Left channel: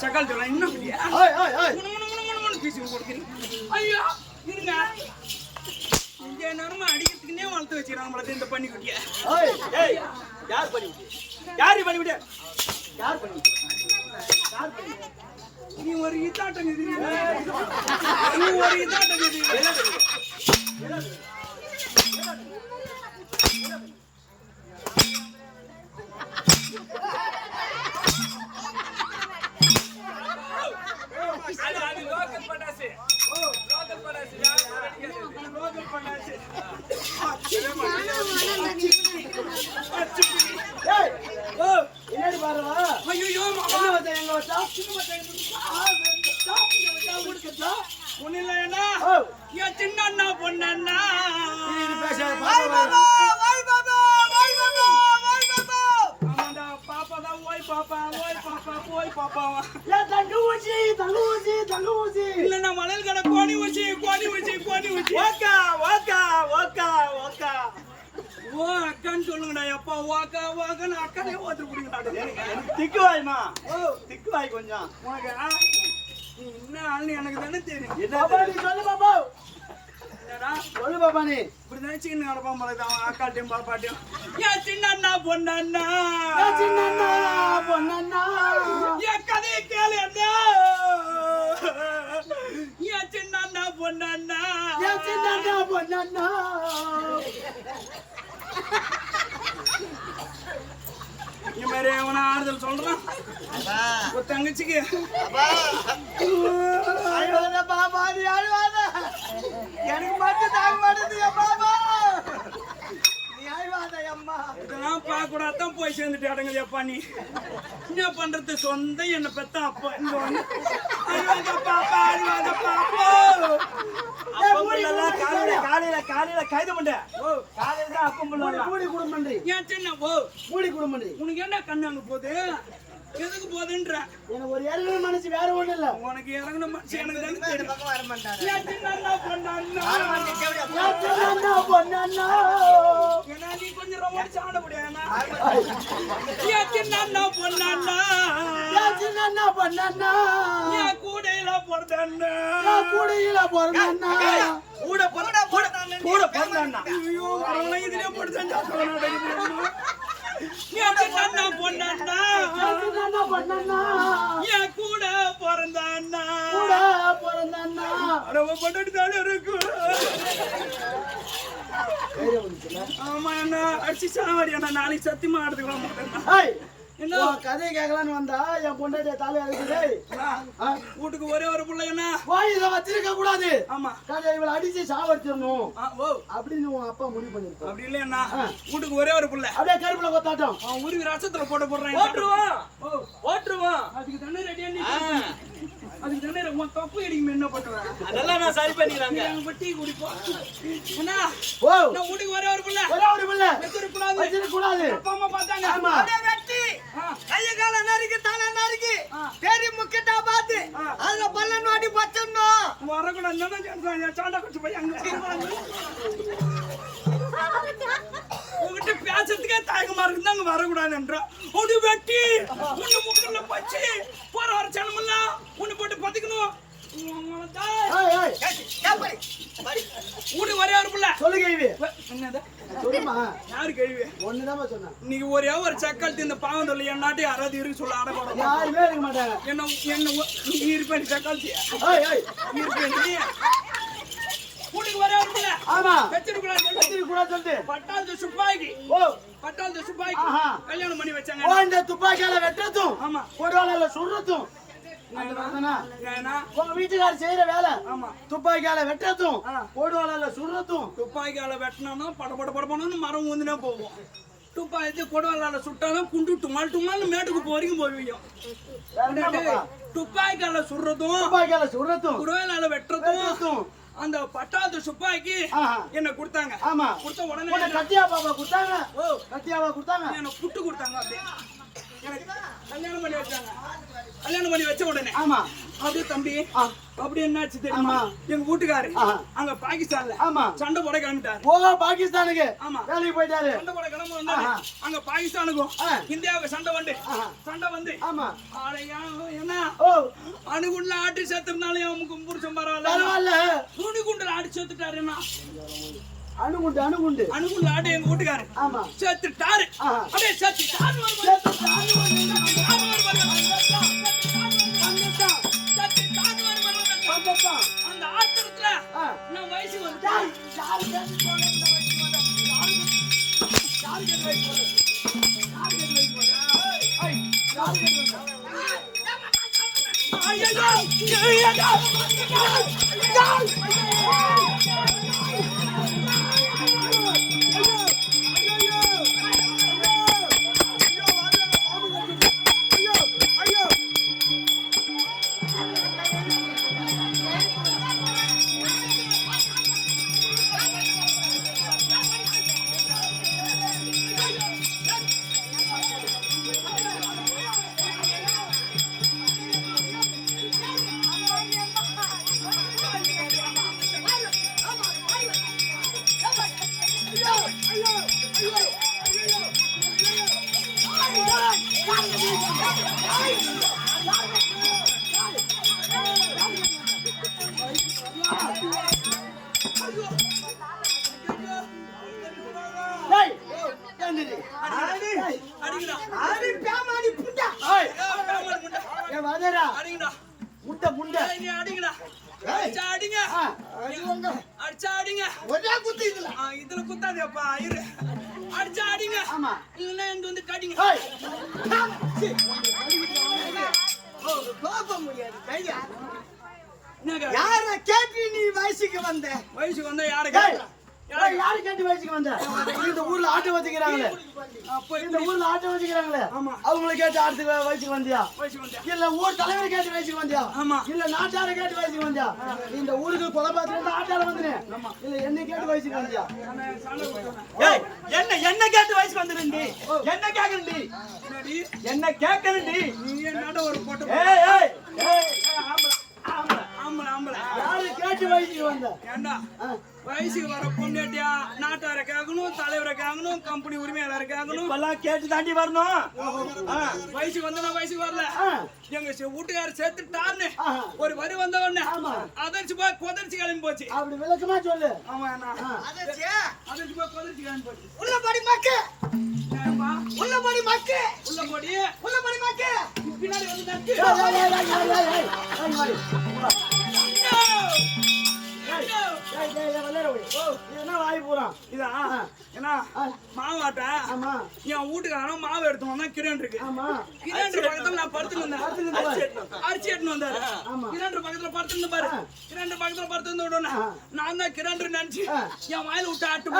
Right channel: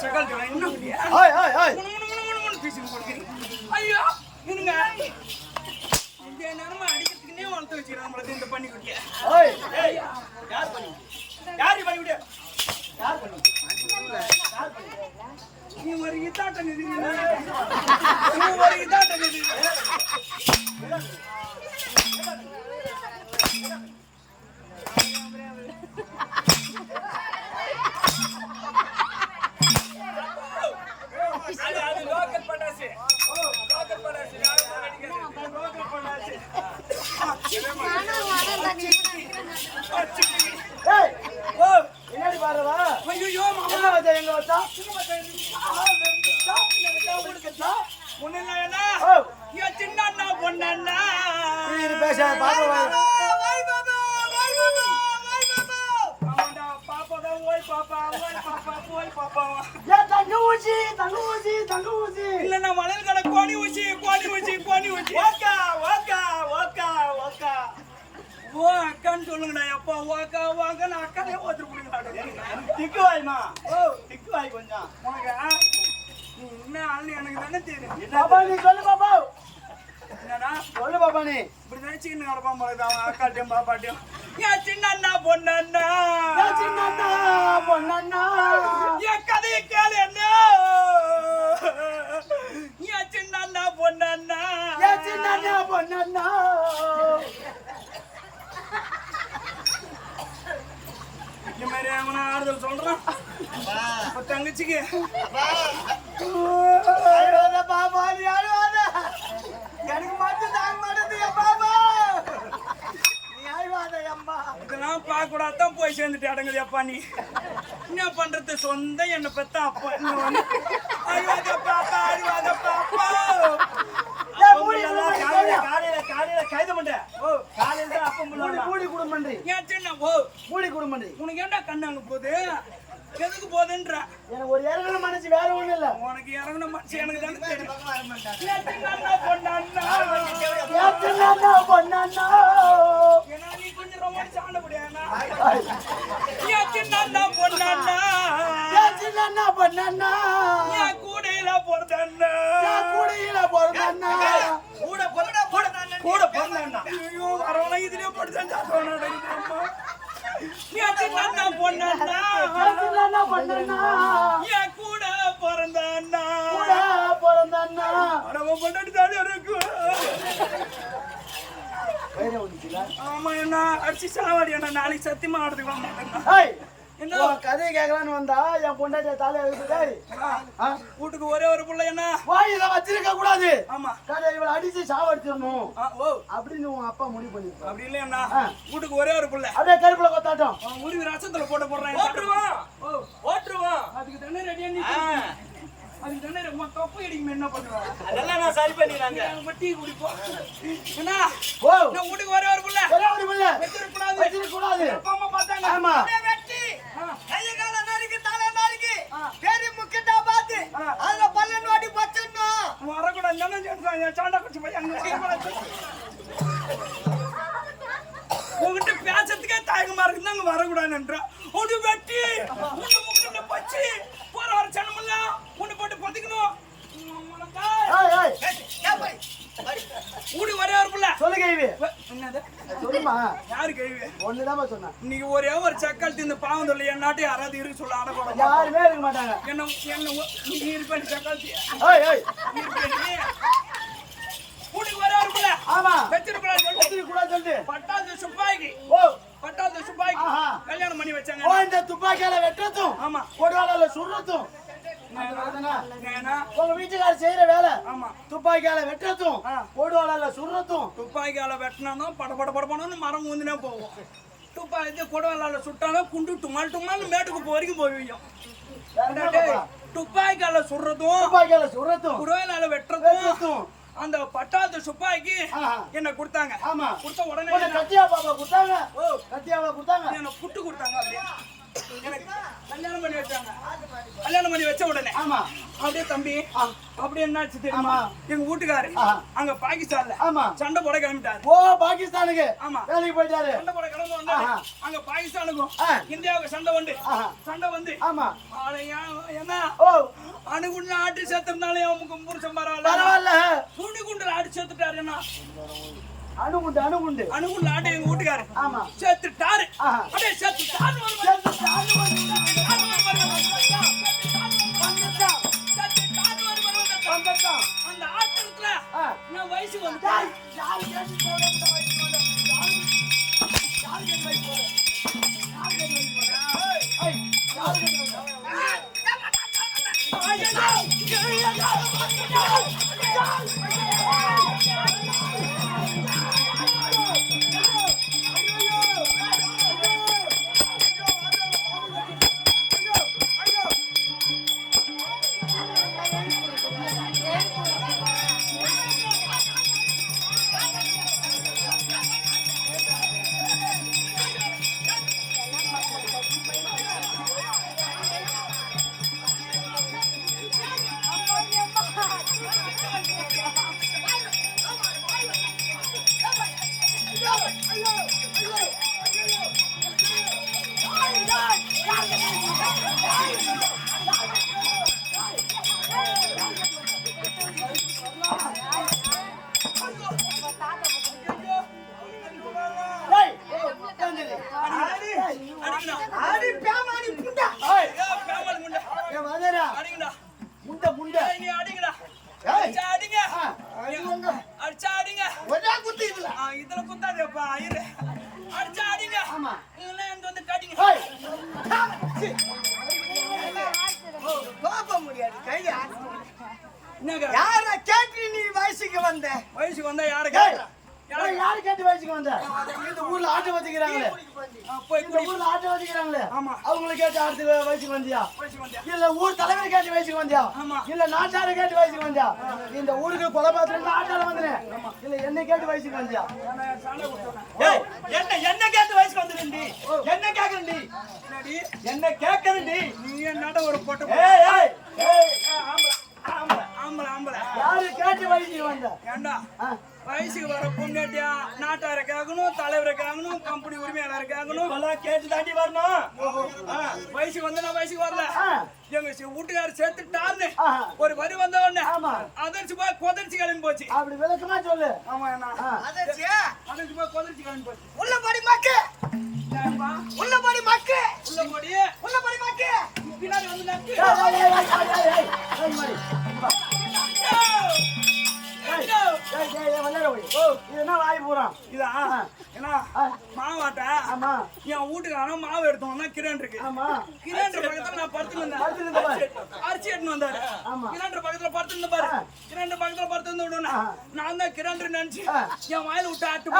சக்கால் தரேன் இன்னும் பண்ணியா கொடுக்குறீங்க ஐயோ இருங்க இங்க அடிக்கிறதுக்குன்னே வளர்த்து வச்சுக்கிறாங்க நம்மள இந்த பண்ணி குட்டிய யார் பண்ணி விட்டு பண்ணி விட்டு யார் பண்ணி யார் பண்ணி நீ ஒரு இதாட்டம் நீ ஒரு இதாட்டம் இது அது அது லோக்கல் பட்டாசு லோக்கல் பட்டாசு யாரும் அடிக்காது லோக்கல் பட்டாசு அச்சிப்பி ஏய் ஓ என்னடி பாருவா ஐயோ மாமா என்ன வச்சா எங்க வச்சா ஒண்ணு இல்ல என்ன ஓ என் சின்ன பாப்பா பாப்பா தான் ஓய் பாப்பா ஓய் பாப்பா ஓய் பாப்பாவா ஏன் தங்க ஊசி தங்க ஊசி தங்க ஊசி. இல்லன்னா மணல் கடை கோணி ஊசி கோணி ஊசி கோணி ஊசி. ஓக்கா ஓக்கா ஓக்கா ஓக்கா. ஓ அக்கான்னு சொல்லுங்கடா எப்பா வாக்கா வாக்கான்னு அக்காலே ஓத்துட்டு பிடிங்கடா எனக்கு திக்கு வாய்மா. ஓ திக்கு வாய் கொஞ்சம். உனக்கு நீ என்ன ஆள்னு எனக்கு தானே தெரியும். பாப்பா நீ சொல்லு பாப்பா. என்னடா? சொல்லு பாப்பா நீ. இப்படி தான் சின்ன கிடப்பான் போல அவன் அக்காட்டையும் பாப்பாட்டையும். என் சின்ன அண்ணா பொண்ணண்ணா. ஏன் சின்ன அண்ணா பொண்ணண்ணா. என் கதையை கேளு என்ன? என் சின்ன அண்ணா பொண்ணண்ணா. ஏன் சின்ன அண்ணா பொண்ணண்ணா. இந்த மாதிரி அவனை ஆறுதல் சொல்றான்? ஒரு தங்கச்சிக்கு. பாப்பா நீ அழுவாத. எனக்கு மட்டும் தாங்க மாட்டேது பாப்பா. நீ அழுவாத அம்மா. இதெல்லாம் பார்க்க கூடாதான் போய் சேர்ந்துட்டு அடங்குது அப்பா நீ. என்ன பண்றது? சொந்த என்ன பெத்த அப்பா. இங்க வந்து. அழுவாத பாப்பா அழுவாத பாப்பா. காலையில கைது பண்ண. ஓ. காலையில தான் அப்பம் புள்ள மூடி குடும்பன்றி. ஏன் சின்ன ஓ. மூடி குடும்பன்றி. உனக்கு என்ன கண்ணு அங்க போகுது? எதுக்கு போகுதுன்ற? எனக்கு ஒரு இறங்குற மனசு வேற ஒண்ணும் இல்ல. உனக்கு இறங்கின மனுஷன் எனக்கு தானே தெரியும். சின்ன அண்ணா பொண்ணண்ணா ஏன்னா நீ கொஞ்சம் ரொமான்ஸ் ஆடப்படியாண்ணா என் சின்ன அண்ணா பொண்ணண்ணா ஏன் சின்ன அண்ணா பொண்ணண்ணா என் கூடையில பிறந்தண்ணா கூடையில பிறந்தண்ணா கூட பிறந்த கூட பிறந்தண்ணா ஐயோ வரவன இதுலயே போட்டு செஞ்சாத்தவனா அம்மா என் சின்ன அண்ணா பொண்ணண்ணா ஏன் சின்ன அண்ணா பொண்ணண்ணா என் கூட பிறந்த அண்ணா கூட பிறந்தண்ணா அரவ பண்ணி தானே இருக்கு தைரியம் வந்துச்சுல ஆமா என்ன அடிச்சு சாவாடி அண்ணா நாளைக்கு சத்தியமா ஆடுறதுக்கு வர கதையை கேட்கலான்னு வந்தா என் பொண்டாட்டிய தாலி வீட்டுக்கு ஒரே ஒரு பிள்ளை என்ன? வாயில வச்சிருக்க கூடாது. ஆமா. கதை இவளை அடிச்சு சாவடிச்சிடணும். அப்படின்னு உன் அப்பா முடிவு பண்ணிருப்பான் அப்படி இல்லையா. வீட்டுக்கு ஒரே ஒரு பிள்ளை. அப்படியே கருப்புல கொத்தாட்டம். உருவி ரசத்துல போட்டு போடுறான் ஓட்டுருவான் ஓட்டுருவான் அதுக்கு தானே ரெடியா நீ அதுக்கு தானே உன் தொப்பு அடிக்கும் என்ன பண்ணுவேன் அதெல்லாம் நான் சரி பண்ணிடுறாங்க டீ குடிப்போம் என்ன ஓ. நான் வீட்டுக்கு ஒரே ஒரு பிள்ளை. ஒரே ஒரு பிள்ளை. வச்சிருக்க கூடாது அப்பா அம்மா பார்த்தாங்க. ஆமா. கைய கால நறுக்கி தலை நறுக்கி. பெரிய முக்கிட்டா பார்த்து. அதுல பல்ல நோட்டி பச்சணும் வரக்கூடாது. சாண்டா குச்சி போய் அங்க வரக்கூடாது. உங்ககிட்ட பேசுறதுக்கே தயக்கமா இருக்கு அங்க வரக்கூடாதுன்றா ஒண்ணு வெட்டி ஒண்ணு முக்கல்ல பச்சு போற வர சனமெல்லாம் ஒண்ணு போட்டு பத்திக்கணும் ஊடி ஒரே ஒரு பிள்ளை. சொல்லு கேள்வி. என்னது? சொல்லுமா? யாரு கழுவி ஒண்ணுதாம்மா சொன்னேன். இன்னைக்கு ஒரே ஒரு சக்கால் இந்த பாவம் சொல்லி என்னாட்டி யாராவது இருக்கு சொல்ல அடக்கூட யாருமே இருக்க மாட்டாங்க. என்ன என்ன நீ இருப்பேன் சக்கால் வீட்டுக்கு ஒரே ஒரு பிள்ளை. ஆமா. வச்சிருக்கூடாது சொல்லு. வச்சிருக்க கூடாது சொல்லிட்டு பட்டாளத்து சுப்பாய்க்கு ஓ பட்டாளத்து சுப்பாய்க்கு. கல்யாணம் பண்ணி வச்சாங்க. இந்த துப்பாக்கியால வெட்டுறதும் ஆமா. கொடுவாளால சுடுறதும் உங்க வீட்டுக்காரர் செய்யற வேலை ஆமா. துப்பாக்கியால வெட்டுறதும் ஆ. கொடுவாளால சுடுறதும். துப்பாக்கியால வெட்டினா பட பட பட படன்னு மரம் ஊந்தினே போவோம். துப்பாக்கி கொடுவாளால சுட்டாலும் குண்டு டுமால் டுமால்னு மேட்டுக்கு என்ன பாப்பா? துப்பாக்கியால சுடுறதும் துப்பாக்கியால சுடுறதும் குடவேலால வெட்டுறதும். அந்த பட்டாளத்து சுப்பாக்கி ஆஹா. என்ன கொடுத்தாங்க. ஆமா. கொடுத்த உடனே கத்தியா பாப்பா கொடுத்தாங்க. ஓ. கத்தியாவா கொடுத்தாங்க. என்ன புட்டு கொடுத்தாங்க அப்படியே. எனக்கு கல்யாணம் பண்ணி வச்சாங்க கல்யாணம் பண்ணி வச்ச உடனே ஆமா அப்படியே தம்பி ஆ. அப்படியே என்னாச்சு தெரியுமா. எங்க வீட்டுக்காரு. அங்க பாகிஸ்தான்ல ஆமா சண்டை போட கிளம்பிட்டாரு ஓ பாகிஸ்தானுக்கு ஆமா. வேலைக்கு போயிட்டாரு சண்டை போட கிளம்ப வந்தாரு. அங்க பாகிஸ்தானுக்கும். இந்தியாவுக்கு சண்டை வந்து. சண்டை வந்து ஆமா என்ன ஓ அணுகுண்டுல ஆட்டி சேர்த்திருந்தாலும் அவனுக்கு புருஷன் பரவாயில்ல பரவாயில்ல துணி குண்டுல ஆட்டி சேர்த்துட்டாரு அணுகுண்டு அணுகுண்டு. அணுகுண்டுல ஆட்டி எங்க வீட்டுக்காரு. ஆமா. சேர்த்துட்டாரு ஆஹா. அப்படியே சேர்த்துட்டாரு ஒரு பாரு. வந்துட்டான் அந்த ஆத்திரத்துல. நான் வயசுக்கு வந்து? யாரு கேட்டு வந்தா? யாரு கேட்டு- யாரு கேட்டு வயசுக்கு வந்தா? அடிங்கடா. அடிங்க. அடிச்சா அடிங்க ஒரே குத்து இதுல. இதுல குத்தாதேப்பா இரு. அடிச்சா அடிங்க ஆமா. இல்லைன்னா இந்த வந்து கடிங்க. போக முடியாது. கையா. யார கேட்டு நீ வயசுக்கு வந்த? வயசுக்கு வந்தா யாரு கேட்டா? யாரு கேட்டு வயசுக்கு வந்த இந்த ஊர்ல ஆட்டோ வச்சுக்கிறாங்களே. இந்த ஊர்ல ஆட்டோ வச்சுக்கிறாங்களே. ஆமா. அவங்களை கேட்டு ஆட்டத்துக்கு வயசுக்கு வந்தியா? இல்ல ஊர் தலைவர் கேட்டு வயசுக்கு வந்தியா? ஆமா. இல்ல நாட்டார கேட்டு வயசுக்கு வந்தியா? இந்த ஊருக்கு கொலை பார்த்து ஆட்டால வந்தனே. இல்ல என்ன கேட்டு வயசுக்கு வந்தியா? என்ன என்ன கேட்டு வயசுக்கு வந்துருந்தி? என்ன கேக்குறீ என்னடி? என்ன கேக்குறீ நீ என்னடா ஒரு போட்டு ஏய் ஏய் ஏய். ஆம்பளை ஆம்பளை ஆம்பளை ஆம்பளை. யாரு கேட்டு வயசுக்கு வந்த? ஏண்டா? வயசுக்கு வர பொண்ணாட்டியா நாட்டாரை கேட்கணும் தலைவரை கேட்கணும் கம்பெனி உரிமையாளரை கேட்கணும் இப்பெல்லாம் கேட்டு தாண்டி வரணும் வயசுக்கு வந்து நான் வயசுக்கு வரல எங்க சி- வீட்டுக்காரர் சேர்த்துட்டாருன்னு. ஒரு வரி வந்த உடனே ஆமா. அதரிச்சு போய் கொதரிச்சு கிளம்பி போச்சு அப்படி விளக்கமா சொல்லு ஆமா. அதரிச்சு போய் கொதரிச்சு கிளம்பி போச்சு உள்ள படி மக்கு? உள்ள படி மக்கு உள்ள போடி உள்ள படி மக்கு பின்னாடி வந்து என்ன வாய்? இதா? மாவாட்ட ஆமா. என் வீட்டுக்காரன் மாவு எடுத்து வந்தா கிரேன் இருக்கு. ஆமா. பக்கத்துல நான் படுத்துட்டு இருந்தேன் இருந்த அரிசி எடுத்துன்னு வந்தாரு. கிரேண்டர் பக்கத்துல படுத்துட்டு இருந்த பாரு. கிரேண்டர் பக்கத்துல படுத்து இருந்த ஆ. நான் தான் நினைச்சு. என் வாயில விட்டு ஆட்டு